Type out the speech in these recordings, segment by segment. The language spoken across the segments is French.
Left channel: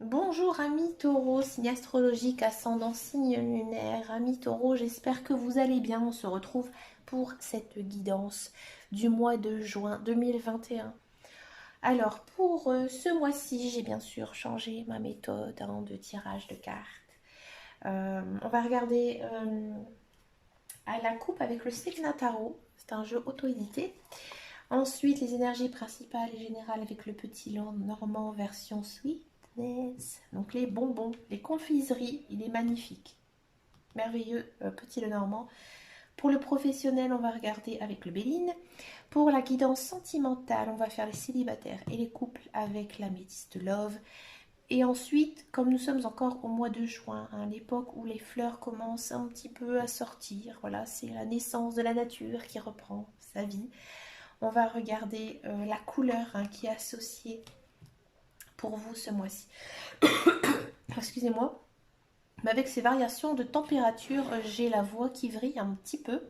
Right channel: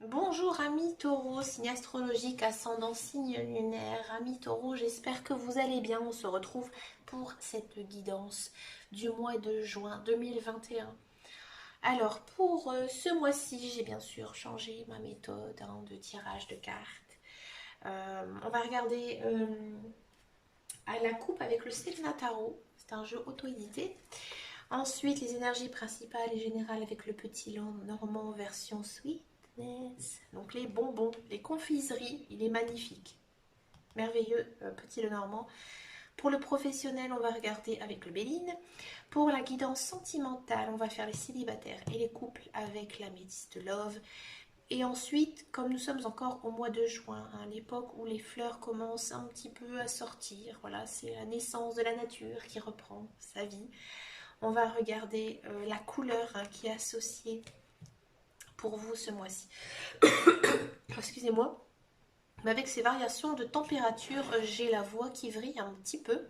Bonjour amis taureaux, signe astrologique, ascendant, signe lunaire. Amis taureaux, j'espère que vous allez bien. On se retrouve pour cette guidance du mois de juin 2021. Alors pour ce mois-ci, j'ai bien sûr changé ma méthode de tirage de cartes. On va regarder à la coupe avec le Sevena Tarot. C'est un jeu auto-édité. Ensuite, les énergies principales et générales avec le petit normand version sweetness. Donc les bonbons, les confiseries, il est magnifique. Merveilleux petit Lenormand. Pour le professionnel, on va regarder avec le Béline. Pour la guidance sentimentale, on va faire les célibataires et les couples avec la métisse de Love. Et ensuite, comme nous sommes encore au mois de juin, l'époque où les fleurs commencent un petit peu à sortir, voilà, c'est la naissance de la nature qui reprend sa vie. On va regarder la couleur qui est associée pour vous ce mois-ci. Excusez-moi. Mais avec ces variations de température, j'ai la voix qui vrille un petit peu.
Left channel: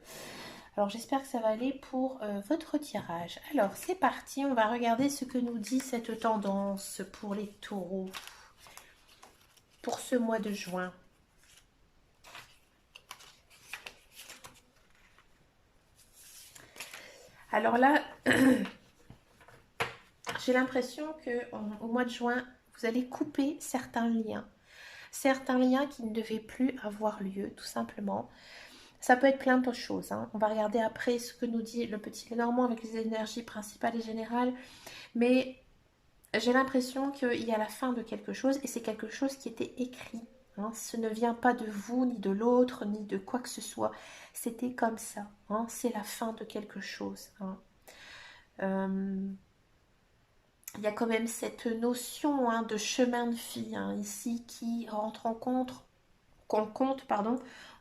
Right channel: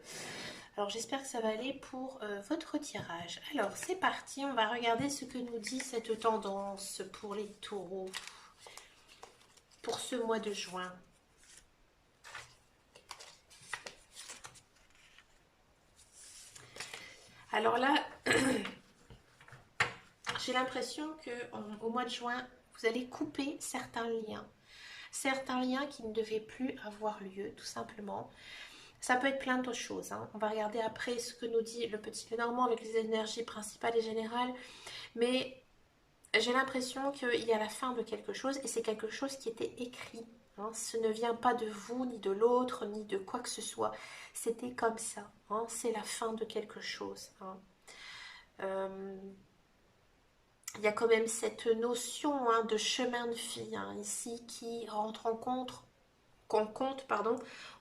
Alors j'espère que ça va aller pour votre tirage. Alors c'est parti, on va regarder ce que nous dit cette tendance pour les taureaux pour ce mois de juin. Alors là, j'ai l'impression qu'au mois de juin, vous allez couper certains liens. Certains liens qui ne devaient plus avoir lieu, tout simplement. Ça peut être plein d'autres choses. On va regarder après ce que nous dit le petit Lenormand avec les énergies principales et générales. Mais j'ai l'impression qu'il y a la fin de quelque chose et c'est quelque chose qui était écrit. Ce ne vient pas de vous, ni de l'autre, ni de quoi que ce soit. C'était comme ça. C'est la fin de quelque chose. Il y a quand même cette notion de chemin de vie ici qui rentre en compte,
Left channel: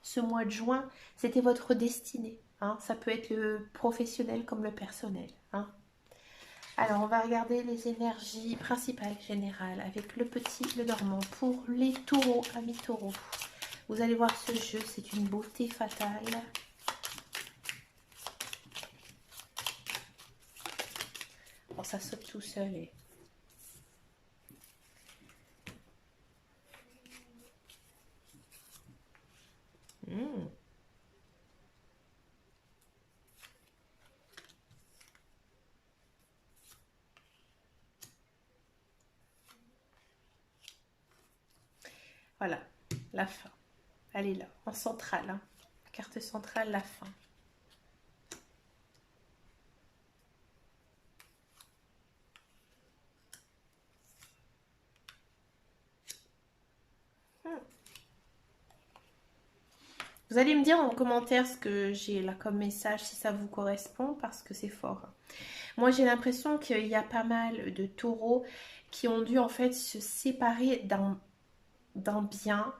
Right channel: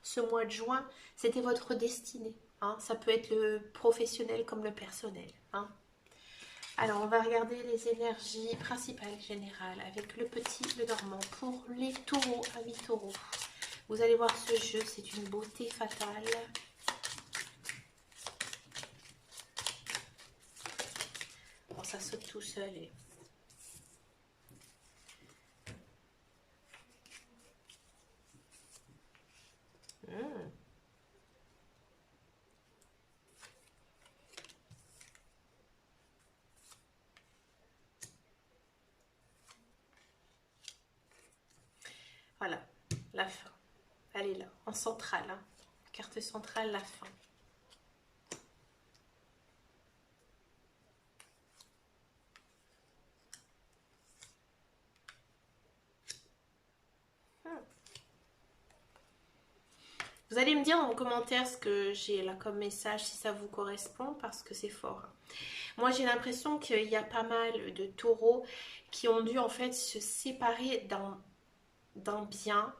ce mois de juin. C'était votre destinée. Ça peut être le professionnel comme le personnel. Alors, on va regarder les énergies principales générales avec le petit Lenormand pour les taureaux, amis taureaux. Vous allez voir ce jeu, c'est une beauté fatale. Bon, ça saute tout seul et... Voilà, la fin. Elle est là, en centrale. Carte centrale, la fin. Vous allez me dire en commentaire ce que j'ai là comme message, si ça vous correspond, parce que c'est fort. Moi, j'ai l'impression qu'il y a pas mal de taureaux qui ont dû en fait se séparer d'un bien,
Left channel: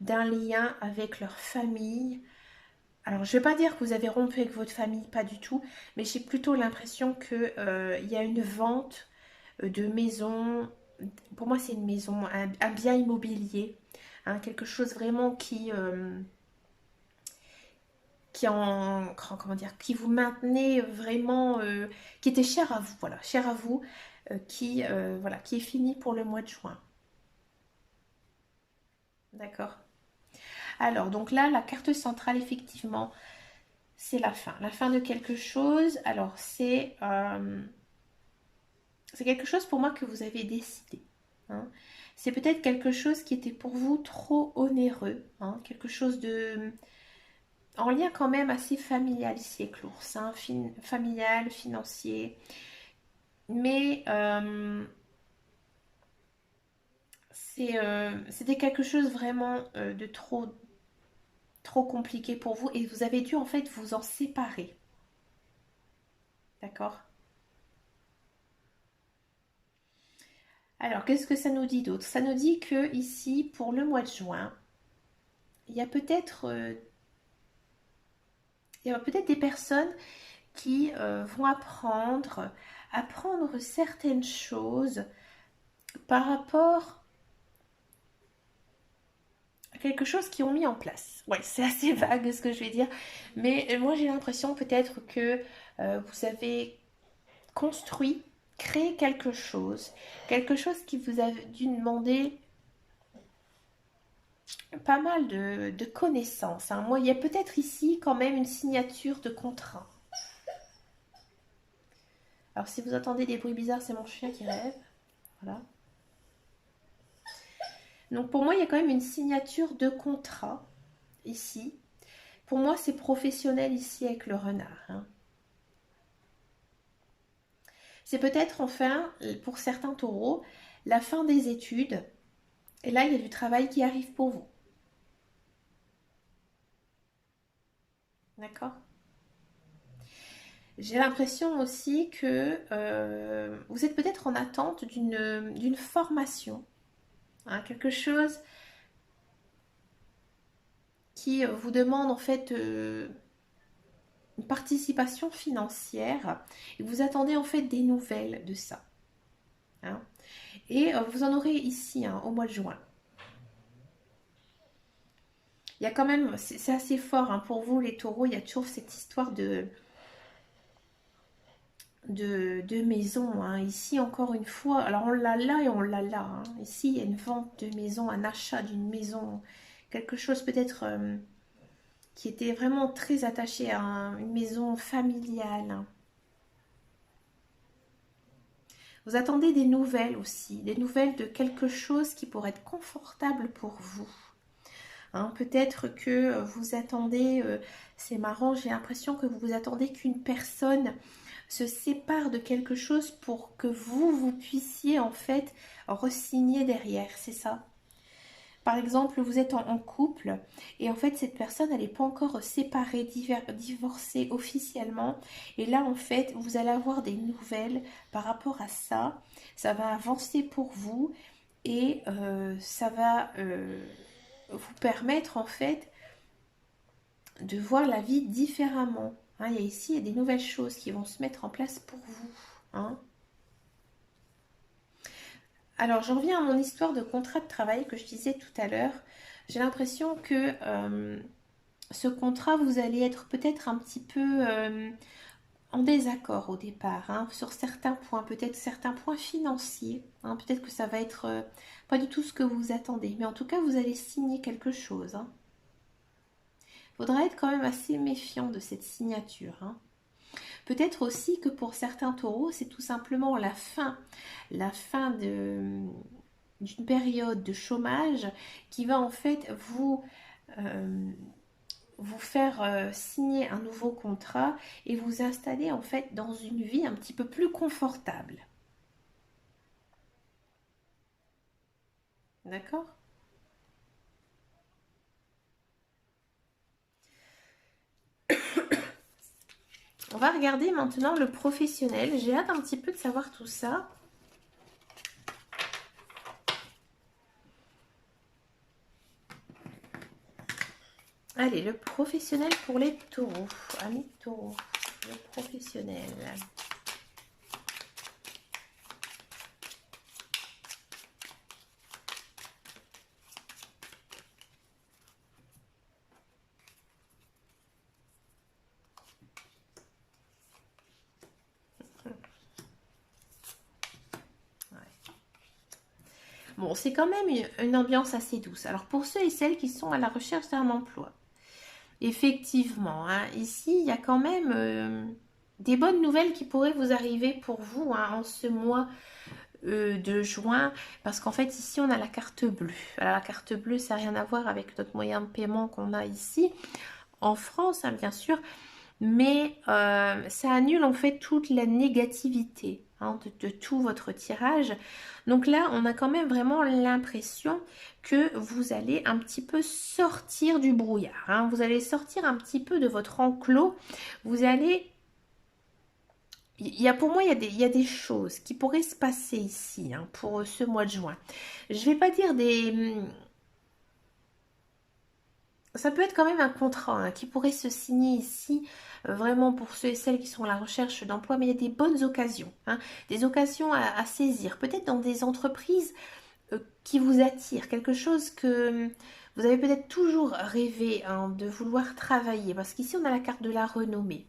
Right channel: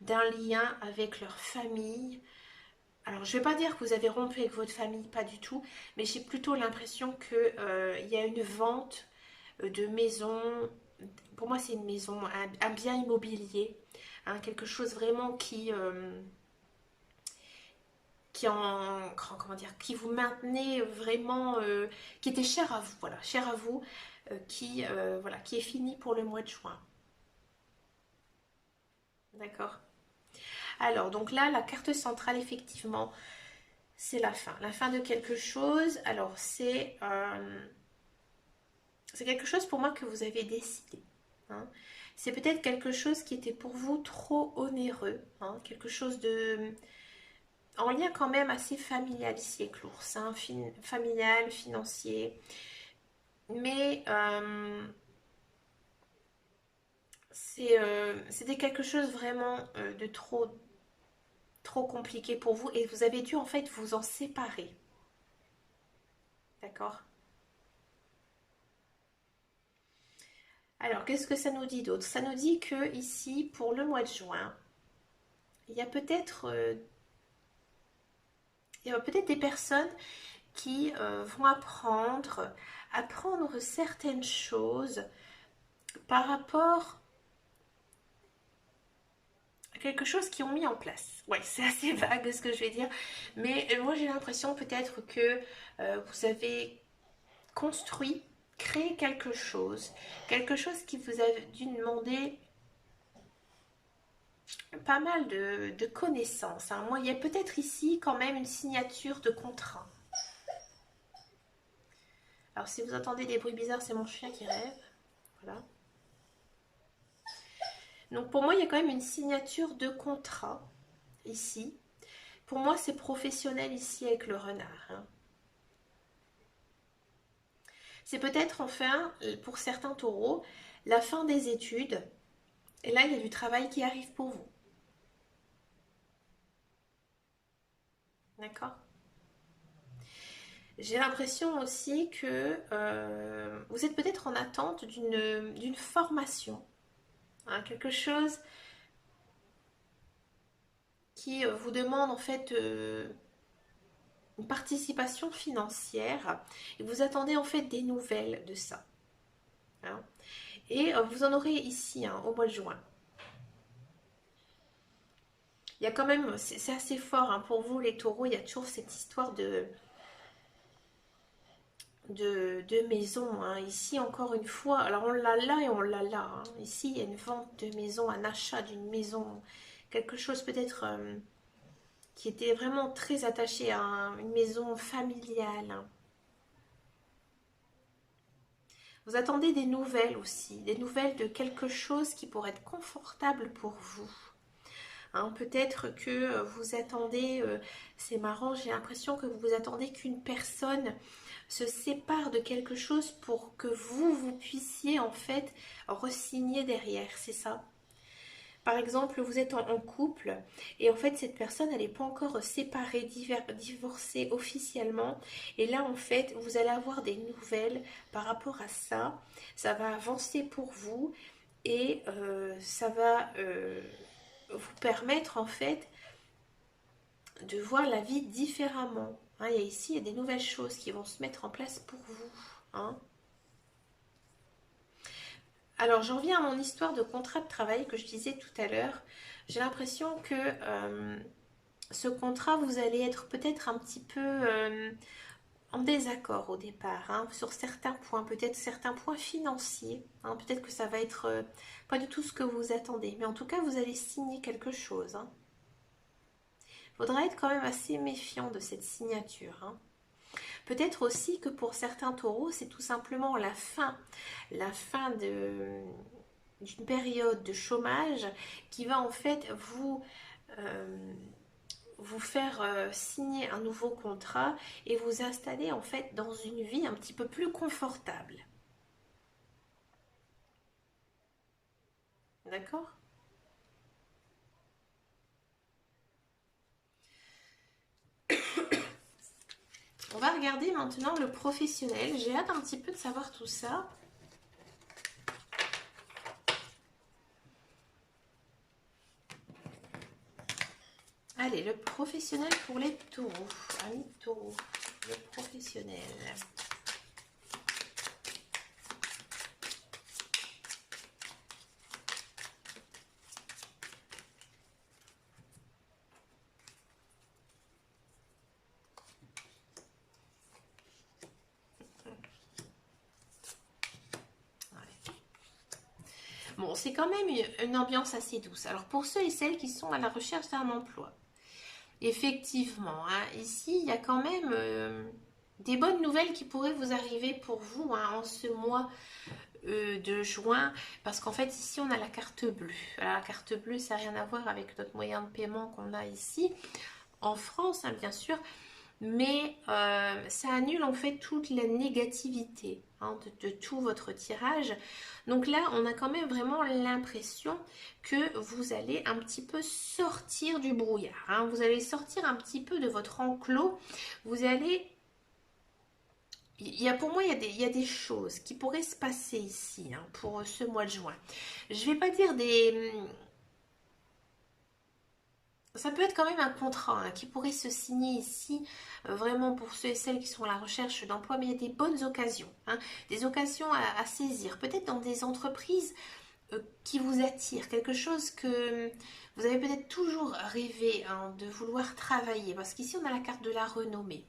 d'un lien avec leur famille. Alors, je ne vais pas dire que vous avez rompu avec votre famille, pas du tout, mais j'ai plutôt l'impression qu'il y a une vente de maison. Pour moi, c'est une maison, un bien immobilier, quelque chose vraiment comment dire, qui vous maintenait vraiment, qui était cher à vous, voilà, cher à vous, voilà, qui est fini pour le mois de juin. D'accord. Alors, donc là, la carte centrale, effectivement, c'est la fin de quelque chose. Alors, c'est quelque chose pour moi que vous avez décidé. C'est peut-être quelque chose qui était pour vous trop onéreux, quelque chose de en lien quand même assez familial ici avec l'ours, familial, financier, mais c'était quelque chose vraiment de trop compliqué pour vous et vous avez dû en fait vous en séparer, d'accord? Alors qu'est-ce que ça nous dit d'autre? Ça nous dit que ici pour le mois de juin, il y a peut-être des personnes qui vont apprendre certaines choses par rapport à quelque chose qu'ils ont mis en place. Ouais, c'est assez vague ce que je vais dire, mais moi j'ai l'impression peut-être que vous avez construit, créé quelque chose qui vous a dû demander pas mal de connaissances, hein. Moi, il y a peut-être ici quand même une signature de contrat. Alors, si vous entendez des bruits bizarres, c'est mon chien qui rêve. Voilà. Donc, pour moi, il y a quand même une signature de contrat ici. Pour moi, c'est professionnel ici avec le renard, hein. C'est peut-être enfin, pour certains taureaux, la fin des études. Et là, il y a du travail qui arrive pour vous. D'accord? J'ai l'impression aussi que vous êtes peut-être en attente d'une formation, hein, quelque chose qui vous demande en fait une participation financière et vous attendez en fait des nouvelles de ça, hein. Et vous en aurez ici, hein, au mois de juin. Il y a quand même, c'est assez fort, hein, pour vous les taureaux, il y a toujours cette histoire de maison, hein. Ici, encore une fois, alors on l'a là et on l'a là, hein. Ici, il y a une vente de maison, un achat d'une maison, quelque chose peut-être qui était vraiment très attaché à une maison familiale, hein. Vous attendez des nouvelles aussi, des nouvelles de quelque chose qui pourrait être confortable pour vous, hein. Peut-être que vous attendez, c'est marrant, j'ai l'impression que vous attendez qu'une personne se sépare de quelque chose pour que vous puissiez en fait re-signer derrière, c'est ça. Par exemple, vous êtes en couple et en fait cette personne elle n'est pas encore séparée, divorcée officiellement et là en fait vous allez avoir des nouvelles par rapport à ça, ça va avancer pour vous et ça va vous permettre en fait de voir la vie différemment, hein. Il y a ici des nouvelles choses qui vont se mettre en place pour vous, hein. Alors j'en viens à mon histoire de contrat de travail que je disais tout à l'heure. J'ai l'impression que ce contrat, vous allez être peut-être un petit peu en désaccord au départ, hein, sur certains points, peut-être certains points financiers, hein. Peut-être que ça va être pas du tout ce que vous attendez, mais en tout cas vous allez signer quelque chose, hein. Faudra être quand même assez méfiant de cette signature, hein. Peut-être aussi que pour certains taureaux, c'est tout simplement la fin d'une période de chômage qui va en fait euh, vous faire signer un nouveau contrat et vous installer en fait dans une vie un petit peu plus confortable. D'accord? On va regarder maintenant le professionnel. J'ai hâte un petit peu de savoir tout ça. Allez, le professionnel pour les taureaux. Amis taureaux, le professionnel. Bon, c'est quand même une ambiance assez douce. Alors, pour ceux et celles qui sont à la recherche d'un emploi, effectivement, hein, ici, il y a quand même des bonnes nouvelles qui pourraient vous arriver pour vous, hein, en ce mois de juin, parce qu'en fait, ici, on a la carte bleue. Alors, la carte bleue, ça n'a rien à voir avec notre moyen de paiement qu'on a ici, en France, hein, bien sûr, mais ça annule en fait toute la négativité, hein, de tout votre tirage. Donc là, on a quand même vraiment l'impression que vous allez un petit peu sortir du brouillard, hein. Vous allez sortir un petit peu de votre enclos. Vous allez... pour moi, il y a des choses qui pourraient se passer ici, hein, pour ce mois de juin. Je ne vais pas dire des... Ça peut être quand même un contrat, hein, qui pourrait se signer ici, vraiment pour ceux et celles qui sont à la recherche d'emploi, mais il y a des bonnes occasions, hein, des occasions à saisir, peut-être dans des entreprises qui vous attirent, quelque chose que vous avez peut-être toujours rêvé, hein, de vouloir travailler, parce qu'ici on a la carte de la renommée.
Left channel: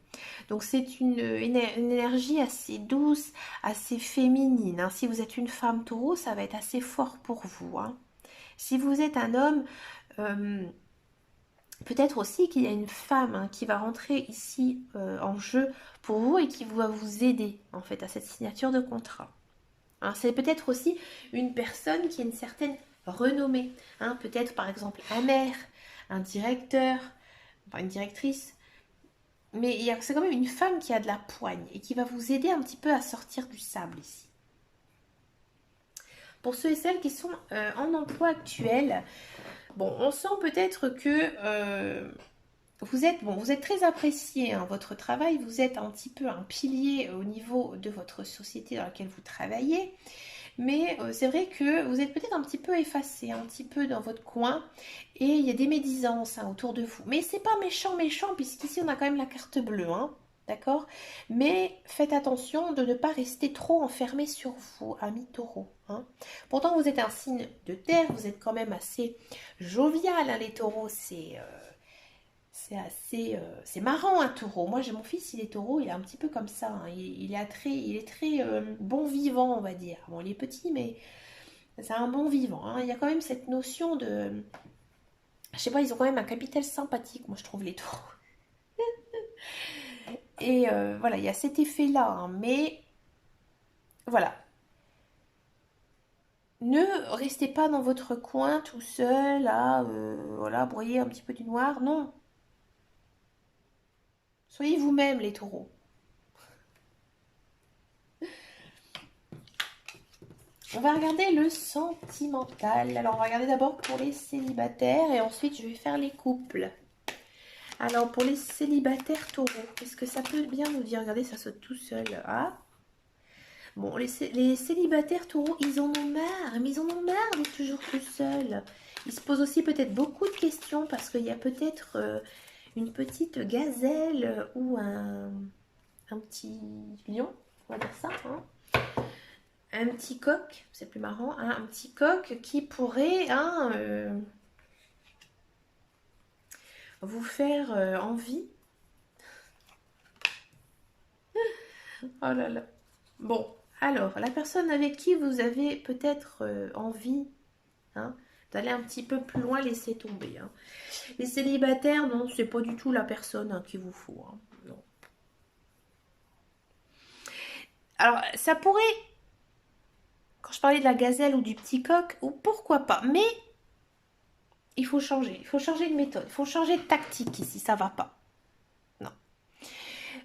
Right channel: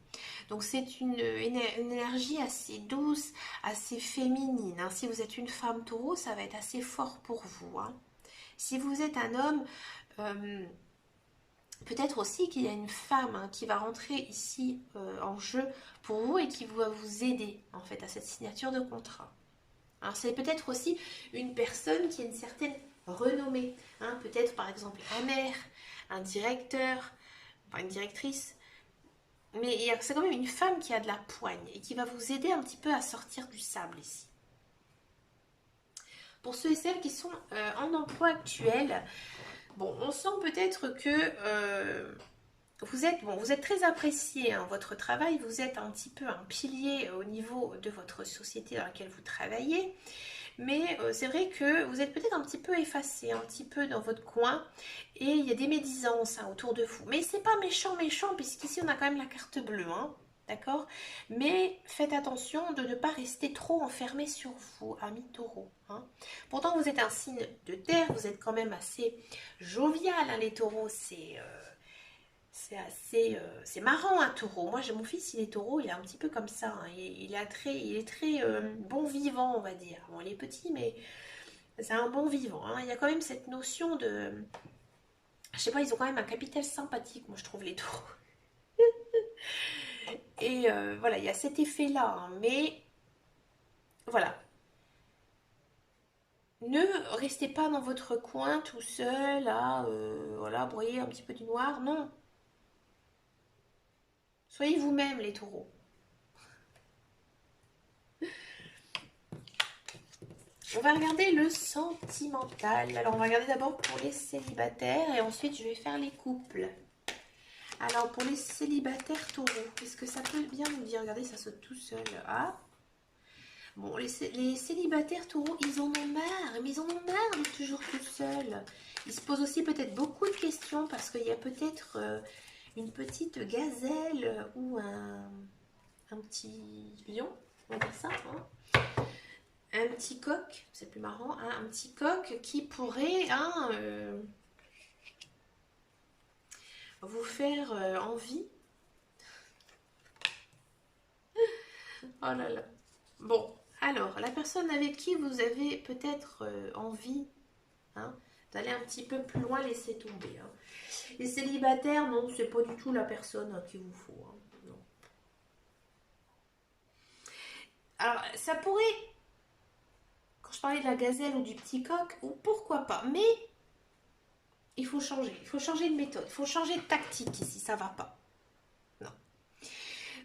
Donc c'est une énergie assez douce, assez féminine, hein. Si vous êtes une femme taureau, ça va être assez fort pour vous, hein. Si vous êtes un homme, Euh, Peut-être aussi qu'il y a une femme hein, qui va rentrer ici en jeu pour vous et qui va vous aider en fait à cette signature de contrat. Hein, c'est peut-être aussi une personne qui a une certaine renommée. Hein, peut-être par exemple un maire, un directeur, enfin une directrice. Mais c'est quand même une femme qui a de la poigne et qui va vous aider un petit peu à sortir du sable ici. Pour ceux et celles qui sont en emploi actuel, bon, on sent peut-être que vous êtes très apprécié, hein, votre travail, vous êtes un petit peu un pilier au niveau de votre société dans laquelle vous travaillez, mais c'est vrai que vous êtes peut-être un petit peu effacé, un petit peu dans votre coin, et il y a des médisances hein, autour de vous. Mais c'est pas méchant, méchant, puisqu'ici on a quand même la carte bleue, hein, d'accord? Mais faites attention de ne pas rester trop enfermé sur vous, amis taureaux. Hein. Pourtant, vous êtes un signe de terre, vous êtes quand même assez jovial, hein, les taureaux, c'est assez, c'est marrant un taureau. Moi, j'ai mon fils, il est taureau, il est un petit peu comme ça. Hein. Il est très bon vivant, on va dire. Bon, il est petit, mais c'est un bon vivant. Hein. Il y a quand même cette notion de, je sais pas, ils ont quand même un capital sympathique, moi je trouve les taureaux. Et voilà, il y a cet effet-là. Hein. Mais voilà, ne restez pas dans votre coin tout seul à voilà, broyer un petit peu du noir. Non, soyez vous-même les taureaux. On va regarder le sentimental. Alors, on va regarder d'abord pour les célibataires et ensuite, je vais faire les couples. Alors, pour les célibataires taureaux, qu'est-ce que ça peut bien nous dire? Regardez, ça saute tout seul. Ah, bon, les célibataires taureaux, ils en ont marre. Mais ils en ont marre d'être toujours tout seuls. Ils se posent aussi peut-être beaucoup de questions parce qu'il y a peut-être une petite gazelle ou un petit lion, on va dire ça, hein, un petit coq, c'est plus marrant, hein, un petit coq qui pourrait hein, vous faire envie. Oh là là. Bon, alors, la personne avec qui vous avez peut-être envie hein, d'aller un petit peu plus loin, laissez tomber. Hein. Les célibataires, non, c'est pas du tout la personne hein, qu'il vous faut. Hein, non. Alors, ça pourrait, quand je parlais de la gazelle ou du petit coq, ou pourquoi pas, mais il faut changer de méthode, il faut changer de tactique ici, ça va pas. Non.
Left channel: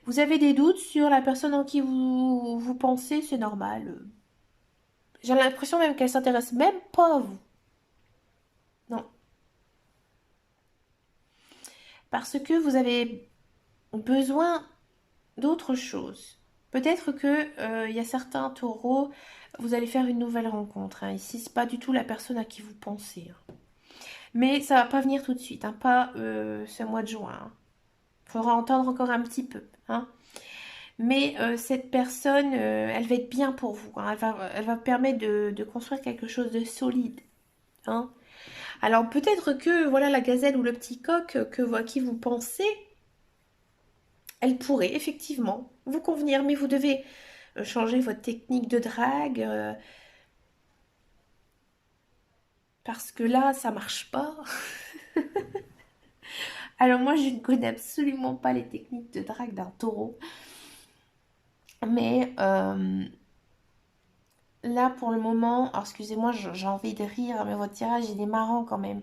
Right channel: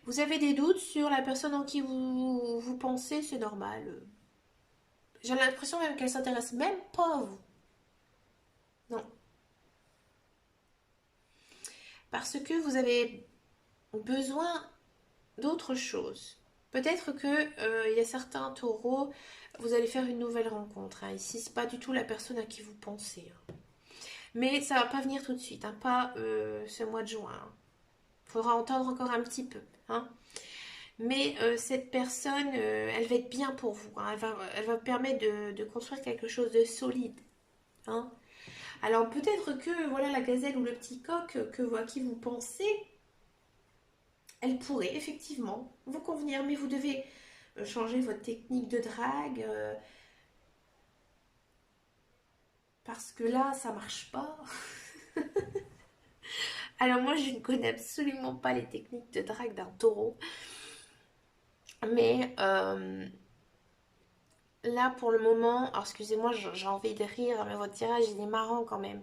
Vous avez des doutes sur la personne en qui vous pensez, c'est normal. J'ai l'impression même qu'elle s'intéresse même pas à vous. Non. Parce que vous avez besoin d'autre chose. Peut-être que il y a certains taureaux, vous allez faire une nouvelle rencontre. Hein. Ici, c'est pas du tout la personne à qui vous pensez. Hein. Mais ça va pas venir tout de suite, hein. Pas ce mois de juin. Hein. Faudra entendre encore un petit peu. Hein. Mais cette personne, elle va être bien pour vous. Hein. Elle va vous permettre de construire quelque chose de solide. Hein. Alors peut-être que voilà la gazelle ou le petit coq à qui vous pensez, elle pourrait effectivement vous convenir, mais vous devez changer votre technique de drague parce que là ça marche pas. Alors moi je ne connais absolument pas les techniques de drague d'un taureau, mais là pour le moment, alors excusez-moi j'ai envie de rire, mais votre tirage il est marrant quand même.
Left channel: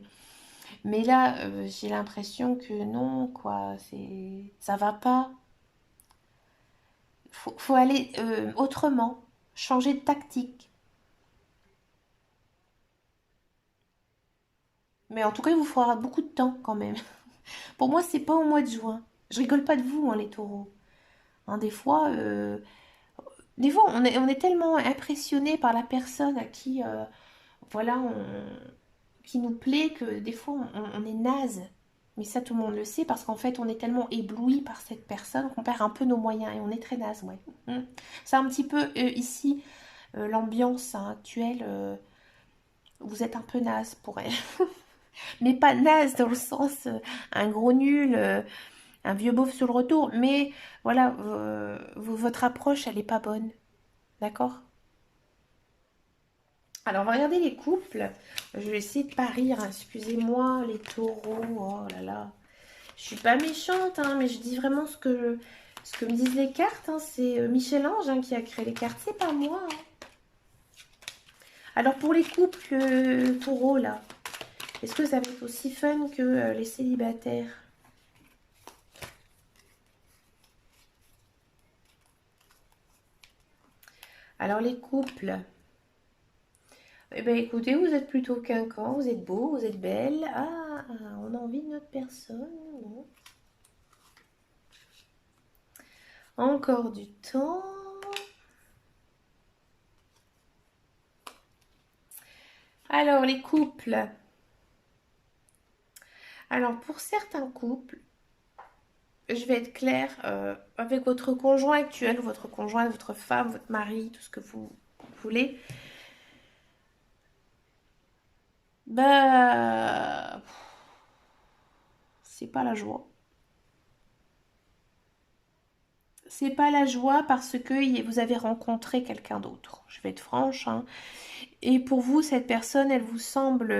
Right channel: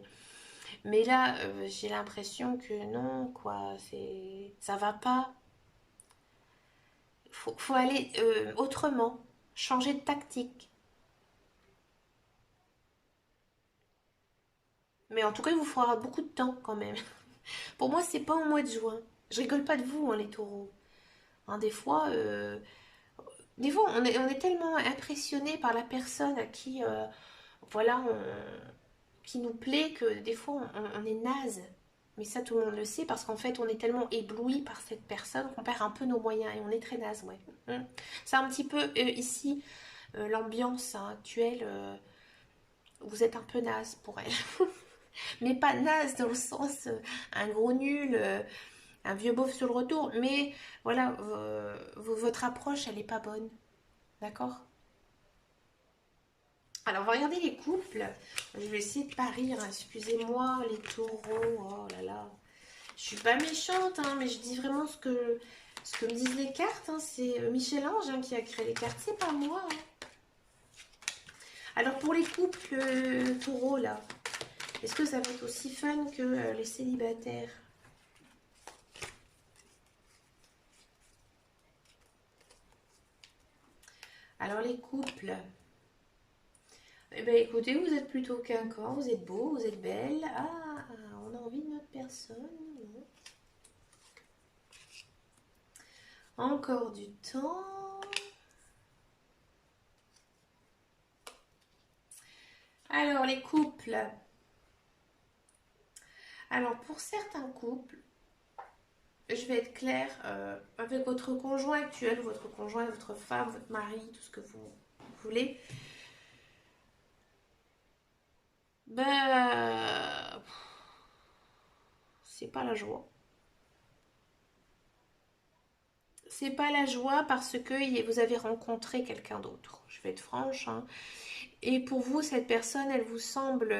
Mais là j'ai l'impression que non quoi, ça va pas. Faut aller autrement, changer de tactique. Mais en tout cas, il vous faudra beaucoup de temps quand même. Pour moi, c'est pas au mois de juin. Je rigole pas de vous, hein, les taureaux. Hein, des fois on est tellement impressionné par la personne à qui, voilà, qui nous plaît que des fois on est naze. Mais ça, tout le monde le sait parce qu'en fait, on est tellement ébloui par cette personne qu'on perd un peu nos moyens et on est très naze, ouais. C'est un petit peu ici l'ambiance hein, actuelle. Vous êtes un peu naze pour elle. Mais pas naze dans le sens un gros nul, un vieux beauf sur le retour. Mais voilà, votre approche, elle n'est pas bonne. D'accord. Alors, on va regarder les couples. Je vais essayer de pas rire, hein. Excusez-moi, les taureaux. Oh là là. Je suis pas méchante, hein, mais je dis vraiment ce que me disent les cartes. Hein. C'est Michel-Ange qui a créé les cartes, c'est pas moi. Hein. Alors, pour les couples taureaux, là, est-ce que ça va être aussi fun que les célibataires? Alors, les couples... Eh bien, écoutez, vous êtes plutôt quinquant, vous êtes beau, vous êtes belle. Ah, on a envie de notre personne. Non. Encore du temps. Alors, les couples. Alors, pour certains couples, je vais être claire, avec votre conjoint actuel, votre conjoint, votre femme, votre mari, tout ce que vous voulez, bah, c'est pas la joie. C'est pas la joie parce que vous avez rencontré quelqu'un d'autre. Je vais être franche, hein. Et pour vous, cette personne, elle vous semble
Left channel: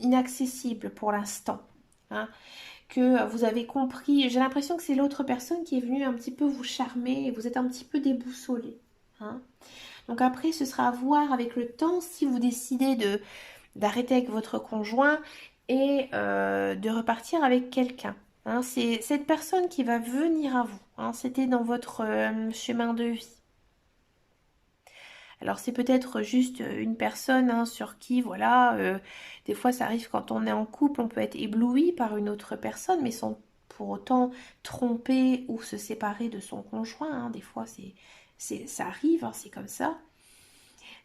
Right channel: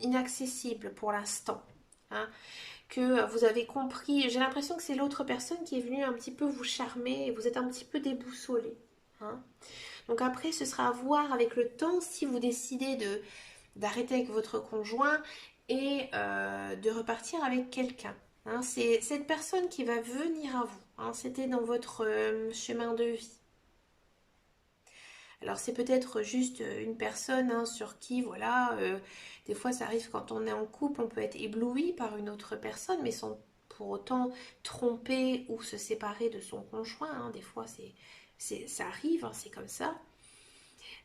inaccessible pour l'instant. Hein, que vous avez compris. J'ai l'impression que c'est l'autre personne qui est venue un petit peu vous charmer et vous êtes un petit peu déboussolé. Hein. Donc après, ce sera à voir avec le temps si vous décidez d'arrêter avec votre conjoint et de repartir avec quelqu'un. Hein, c'est cette personne qui va venir à vous. Hein, c'était dans votre chemin de vie. Alors c'est peut-être juste une personne sur qui, voilà, des fois ça arrive quand on est en couple, on peut être ébloui par une autre personne, mais sans pour autant tromper ou se séparer de son conjoint. Hein. Des fois ça arrive, hein, c'est comme ça.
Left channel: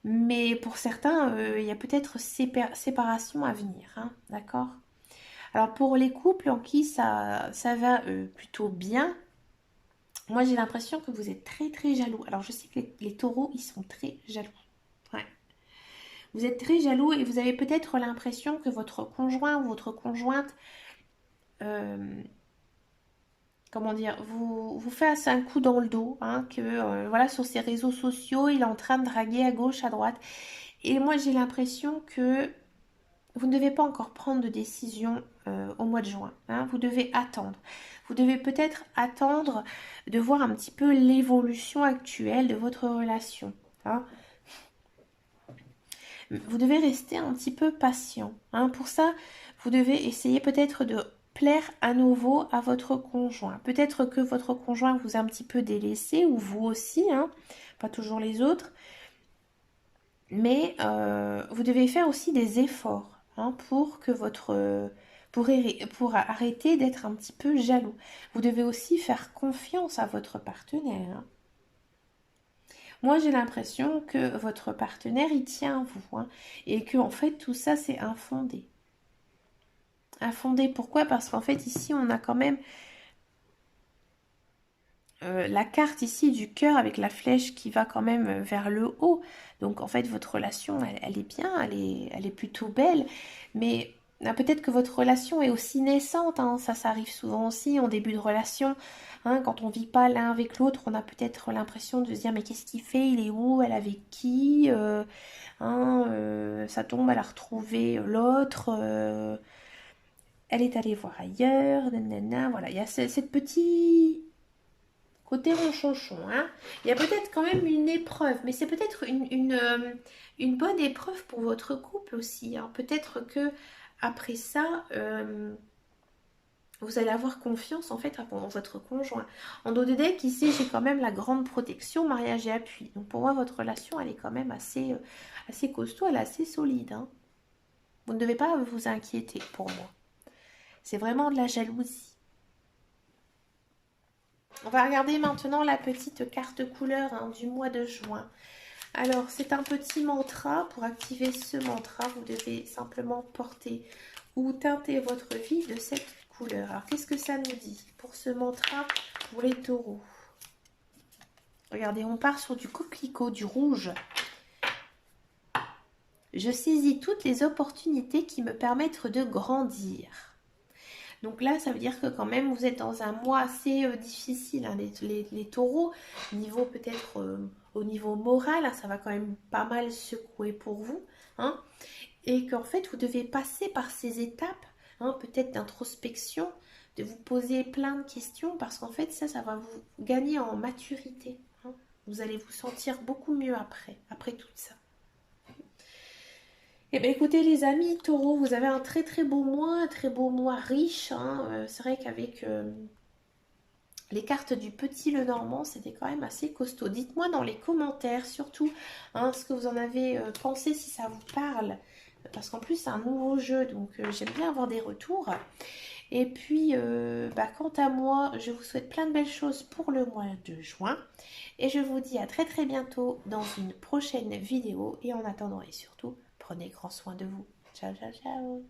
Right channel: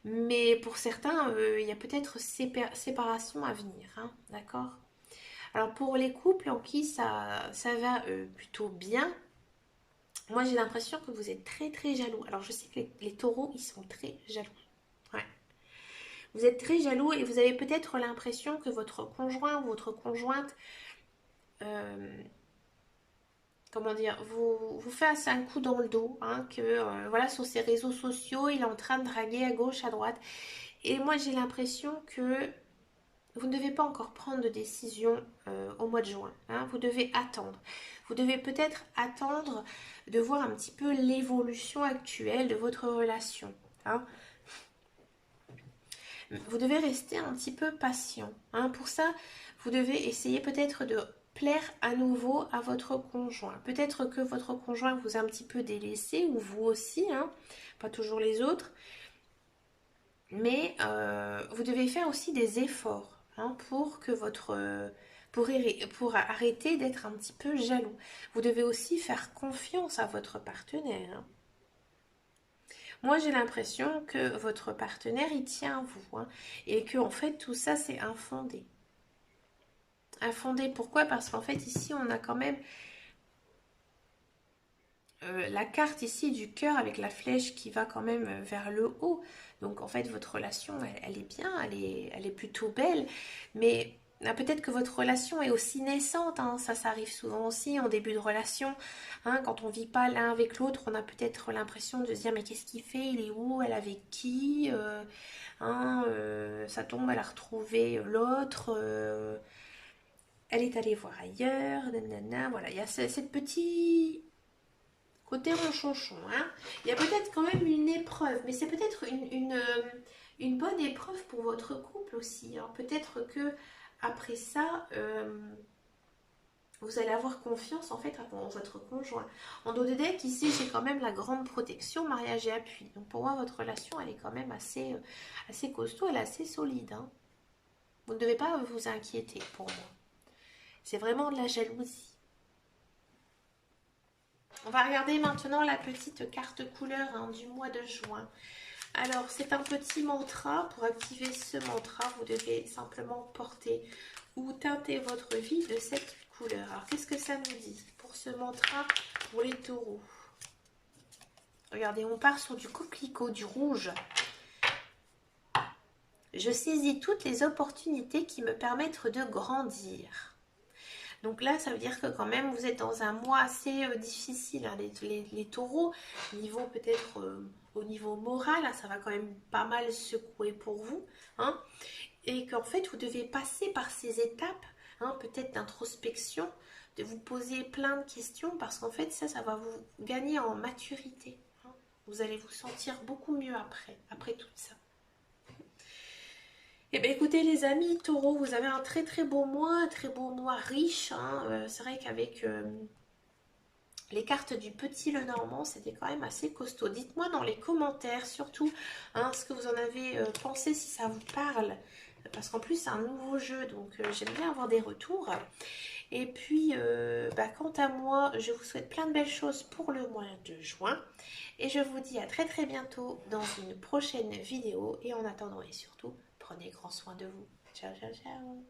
Mais pour certains, il y a peut-être séparation à venir, hein, d'accord? Alors pour les couples en qui ça va plutôt bien, moi j'ai l'impression que vous êtes très très jaloux. Alors je sais que les taureaux, ils sont très jaloux. Ouais. Vous êtes très jaloux et vous avez peut-être l'impression que votre conjoint ou votre conjointe, euh, comment dire, vous fait un coup dans le dos, hein, que voilà, sur ses réseaux sociaux, il est en train de draguer à gauche, à droite. Et moi j'ai l'impression que vous ne devez pas encore prendre de décision au mois de juin. Hein, vous devez attendre. Vous devez peut-être attendre de voir un petit peu l'évolution actuelle de votre relation. Hein. Vous devez rester un petit peu patient. Hein. Pour ça, vous devez essayer peut-être de plaire à nouveau à votre conjoint. Peut-être que votre conjoint vous a un petit peu délaissé, ou vous aussi, hein, pas toujours les autres. Mais vous devez faire aussi des efforts hein, pour que pour arrêter d'être un petit peu jaloux. Vous devez aussi faire confiance à votre partenaire. Hein. Moi, j'ai l'impression que votre partenaire, il tient à vous. Hein, et que, en fait, tout ça, c'est infondé. Infondé, pourquoi? Parce qu'en fait, ici, on a quand même la carte ici du cœur avec la flèche qui va quand même vers le haut. Donc, en fait, votre relation, elle est bien, elle est plutôt belle. Mais peut-être que votre relation est aussi naissante. Hein, ça arrive souvent aussi en début de relation. Hein, quand on ne vit pas l'un avec l'autre, on a peut-être l'impression de se dire mais qu'est-ce qu'il fait? Il est où? Elle est avec qui? Hein, ça tombe, elle a retrouvé l'autre. Elle est allée voir ailleurs. Nanana, voilà, il y a cette petite côté ronchonchon. Hein. Il y a peut-être quand même une épreuve, mais c'est peut-être une bonne épreuve pour votre couple aussi. Hein. Peut-être que après ça, vous allez avoir confiance en fait en votre conjoint. En dos de deck, ici, j'ai quand même la grande protection, mariage et appui. Donc pour moi, votre relation, elle est quand même assez costaud, elle est assez solide. Hein. Vous ne devez pas vous inquiéter pour moi. C'est vraiment de la jalousie. On va regarder maintenant la petite carte couleur hein, du mois de juin. Alors, c'est un petit mantra. Pour activer ce mantra, vous devez simplement porter ou teinter votre vie de cette couleur. Alors, qu'est-ce que ça nous dit pour ce mantra pour les taureaux? Regardez, on part sur du coquelicot, du rouge. Je saisis toutes les opportunités qui me permettent de grandir. Donc là, ça veut dire que quand même, vous êtes dans un mois assez difficile, hein, les taureaux. Niveau peut-être au niveau moral, hein, ça va quand même pas mal secouer pour vous. hein, et qu'en fait vous devez passer par ces étapes, hein, peut-être d'introspection, de vous poser plein de questions, parce qu'en fait ça va vous gagner en maturité, hein. Vous allez vous sentir beaucoup mieux après tout ça. Eh bien écoutez les amis, Taureau, vous avez un très beau mois riche, hein. C'est vrai qu'avec les cartes du petit Lenormand, c'était quand même assez costaud. Dites-moi dans les commentaires surtout, hein, ce que vous en avez pensé, si ça vous parle. Parce qu'en plus c'est un nouveau jeu, donc j'aime bien avoir des retours. Et puis, quant à moi, je vous souhaite plein de belles choses pour le mois de juin. Et je vous dis à très bientôt dans une prochaine vidéo. Et en attendant et surtout, prenez grand soin de vous. Ciao, ciao, ciao.